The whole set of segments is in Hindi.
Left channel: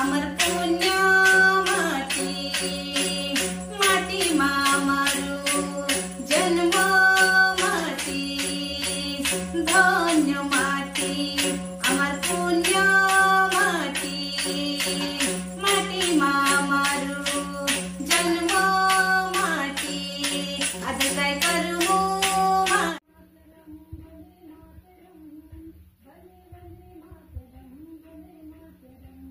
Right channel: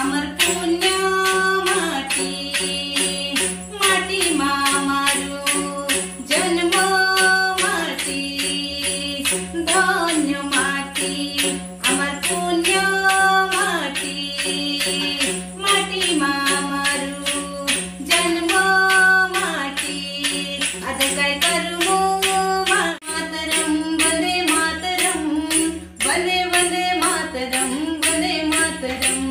अमर पुण्य माटी माटी मामारू जन्म माटी धन्य माटी अमर पुण्य माटी माटी मामारू जन्म माटी आज काय करू मातरम वंदे मातरम वंदे वंदे मातरम वंदे मातरम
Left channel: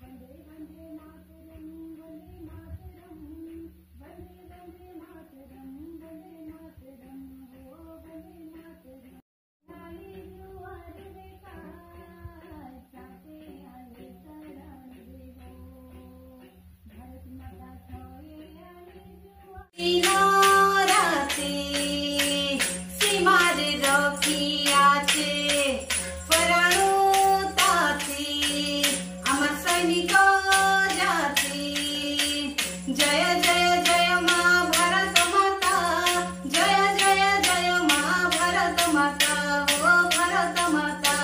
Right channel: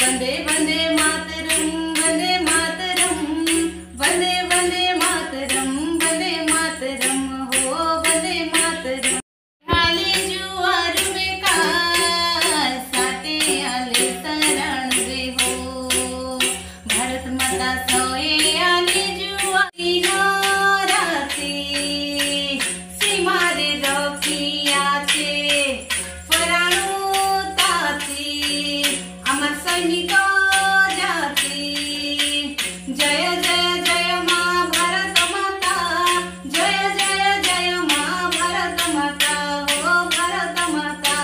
वंदे वंदे मातरम वंदे मातरम वंदे वंदे मातरम वंदे मातरम हो वंदे मातरम आले जुआर में का साथे आले शरण रे हो भारत माता सोए आले जुआर राते सीमारे रखियाचे फराणू ताते अमर सैनिक जाते जय जय जय मां भारत माता जय जय जय मां भारत माता हो भारत माता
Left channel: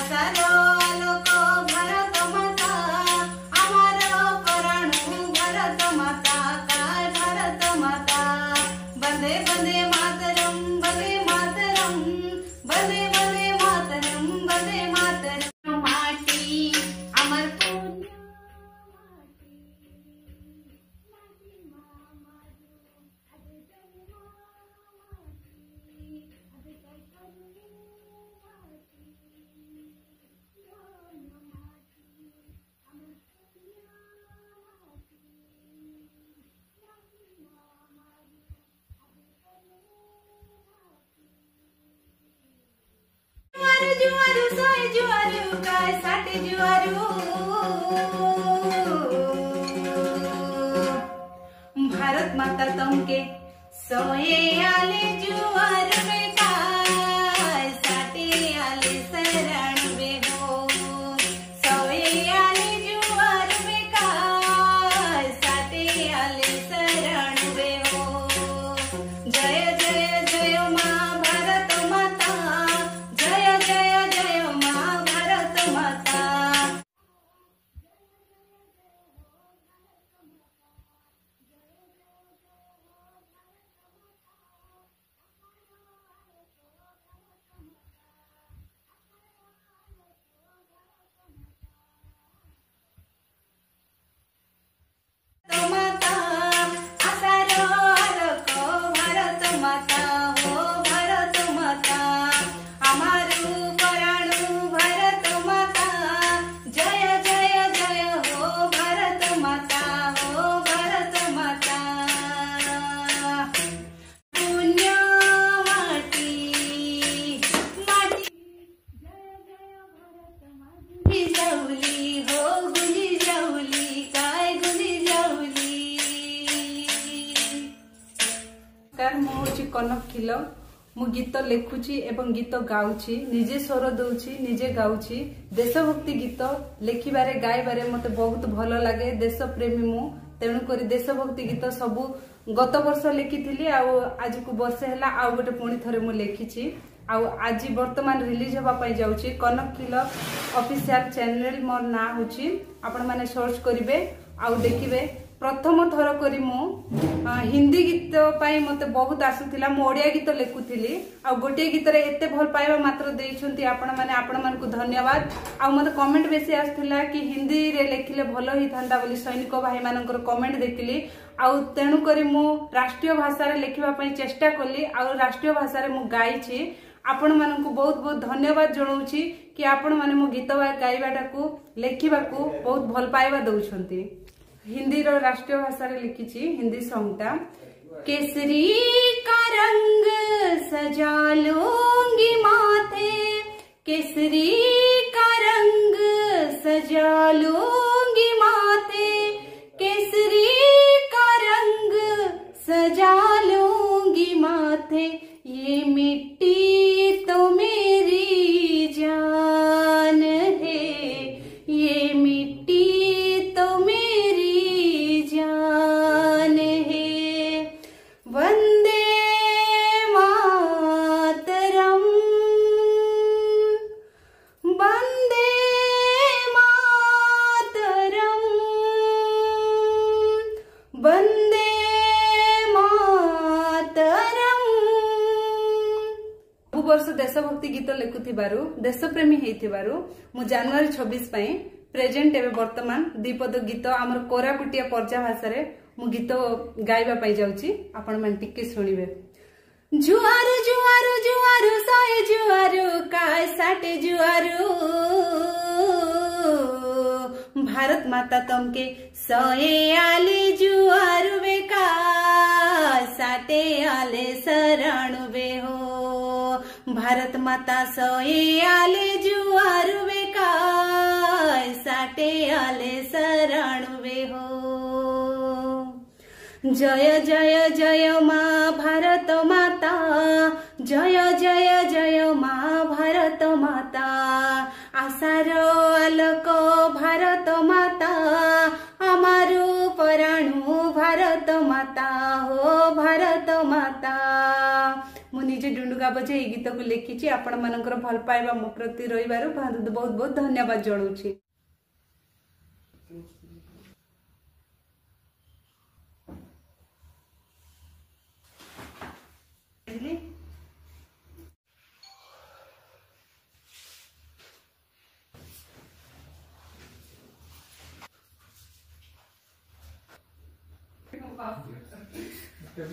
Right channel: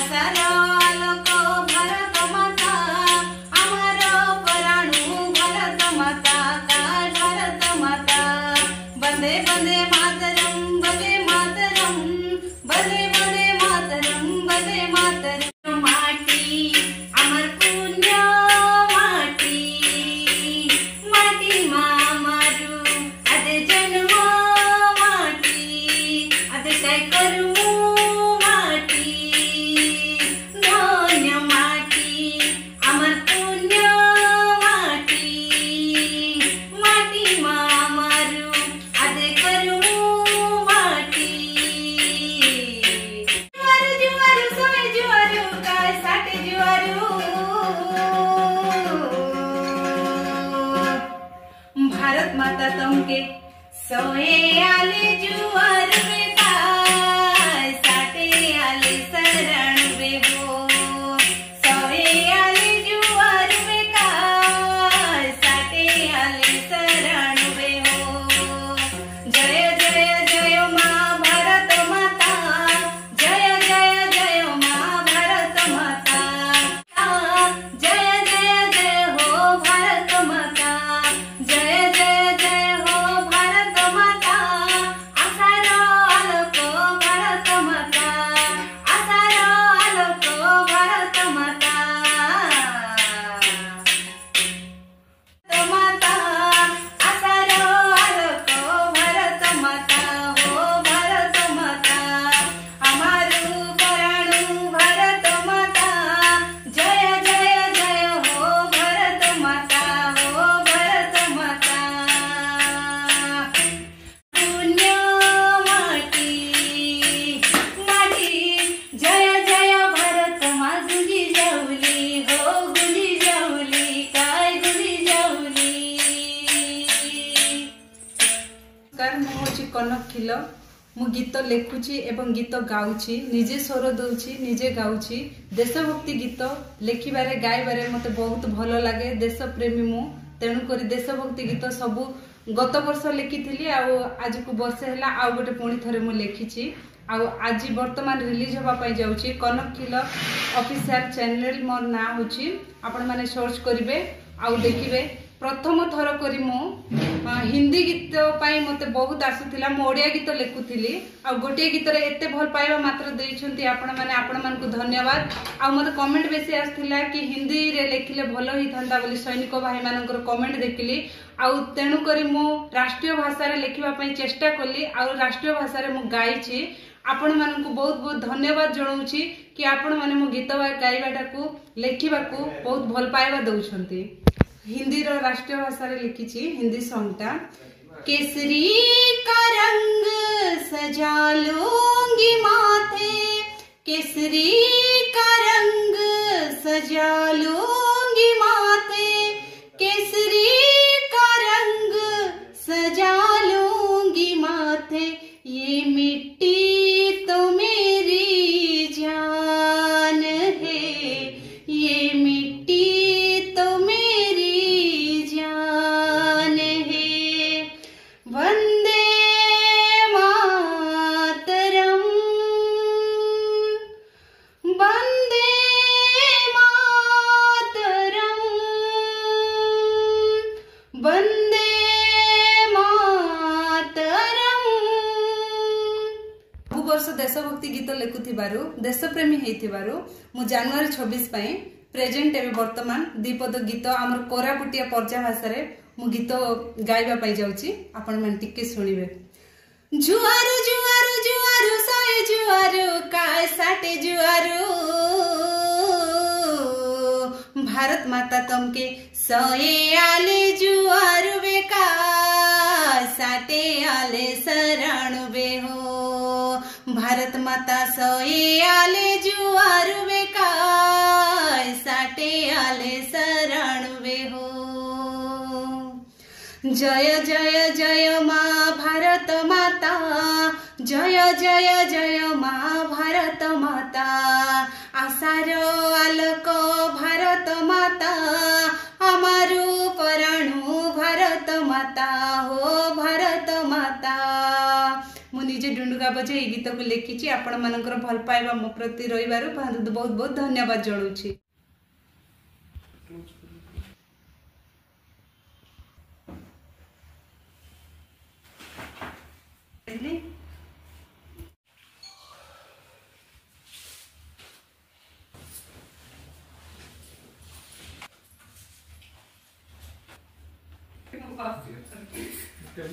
आसार आलोक भारत माता अमर फराणू भारत माता काय भारत माता वंदे वंदे मातरम वंदे मातरम वंदे वंदे मातरम वंदे मातरम माटी अमर पुण्य माटी माटी मामारू आदे जन्म माटी आदे काय करू माटी धन्य माटी अमर पुण्य माटी माटी मामारू आदे करू माटी जुआरू जुआरू सोय जुआरू काय साठे जुआरू भारत माता तमके सोए आले जुआर में काय साठे आले शरण रे हो सोए आले जुआर में काय साठे आले शरण रे हो जय जय जय मां भारत माता जय जय जय मां भारत माता जय जय जय हो भारत माता जय जय जय हो भारत माता आसार आलोक भारत माता आसार आलोक भारत माता माता आसार आलोक भारत माता हो भारत माता अमरू फराणू भारत माता जय जय जय हो भारत माता हो भारत माता पुण्य माटी माटी जय जय भारत मा गुली जवली हो गुली जवली काय गुली जवली कार मो होची कनक खिल मु गीत लेखुची एवं गीत गाउची निजे स्वर दउची निजे गाउची देशभक्ति गीत लेखिबारे गाइबारे मते बहुत भलो लागे देश प्रेमी मु तेणु करी देशभक्ति गीत सबु गत वर्ष लेखिथिली आज को वर्ष हैला आ गोटे पुणी थरे मु लेखिची आज वर्तमान रिलीज होबा पई जाउची कनक खिल ऑफिशियल चैनल मोर ना होची आपण माने सर्च करिवे आ देखिबे प्रथम थर करी मु हिंदी गीत पाई मते बहुत आसुथिला मु ओडिया गीत लेखुथिली आ गोटे गीत रे एते भल पाइबा मात्र देइछंती आपण माने आपण मान को धन्यवाद आ मते कमेंट बेसी आसथिला कि हिंदी रे लेखिले भलो ही थांदा बोली सैनिक भाई मानकर कमेंट देखिली आ तेणु करी मु राष्ट्रीय भाषा रे लेखिबा पई चेष्टा कली आ राष्ट्रीय भाषा रे मु गाइछि आपण मान को बहुत बहुत धन्यवाद जणाउछि कि आपण माने मो गीत गाइबाटा को लेखिबा को बहुत भल पाइबा दउछंती हिंदी रो राष्ट्रीय भाषा रे लिखिछि हिंदी सॉन्ग ता केसरी का रंग सजा लूंगी माथे केसरी का रंग सजा लूंगी माथे केसरी का रंग सजा लूंगी माथे ये मिट्टी तो मेरी जान है ये मिट्टी तो मेरी जान है वंदे मातरम वंदे मातरम देशभक्ति गीत लिखुथिबारु देशप्रेमी हेइथिबारु मु जनवरी 26 पई प्रेजेंट एवं वर्तमान दीपद गीत आमर कोरापुटिया पर्जा भाषा रे मु गीत गाइबा पाई जाउची आपण मन टिके सुनिबे। जुआरु जुआरु जुआरु सोए जुआरु काय साटे जुआरु भारत माता तमके सोए आले जुआरु बेका साटे आले शरणु बे हो भारत माता सोए आले जुआरु बेका साटे आले शरणु बे हो। जय जय जय माँ भारत माता जय जय जय माँ भारत माता आशार आलोक भारत माता आमारु पराणु भारत माता हो भारत माता। मु निजे डुंडुगा बजे ए गीत को लिखी आपण मानकर भल पाइबा मो प्रति रहिबारु बहुत बहुत धन्यवाद जणाउछि। क्या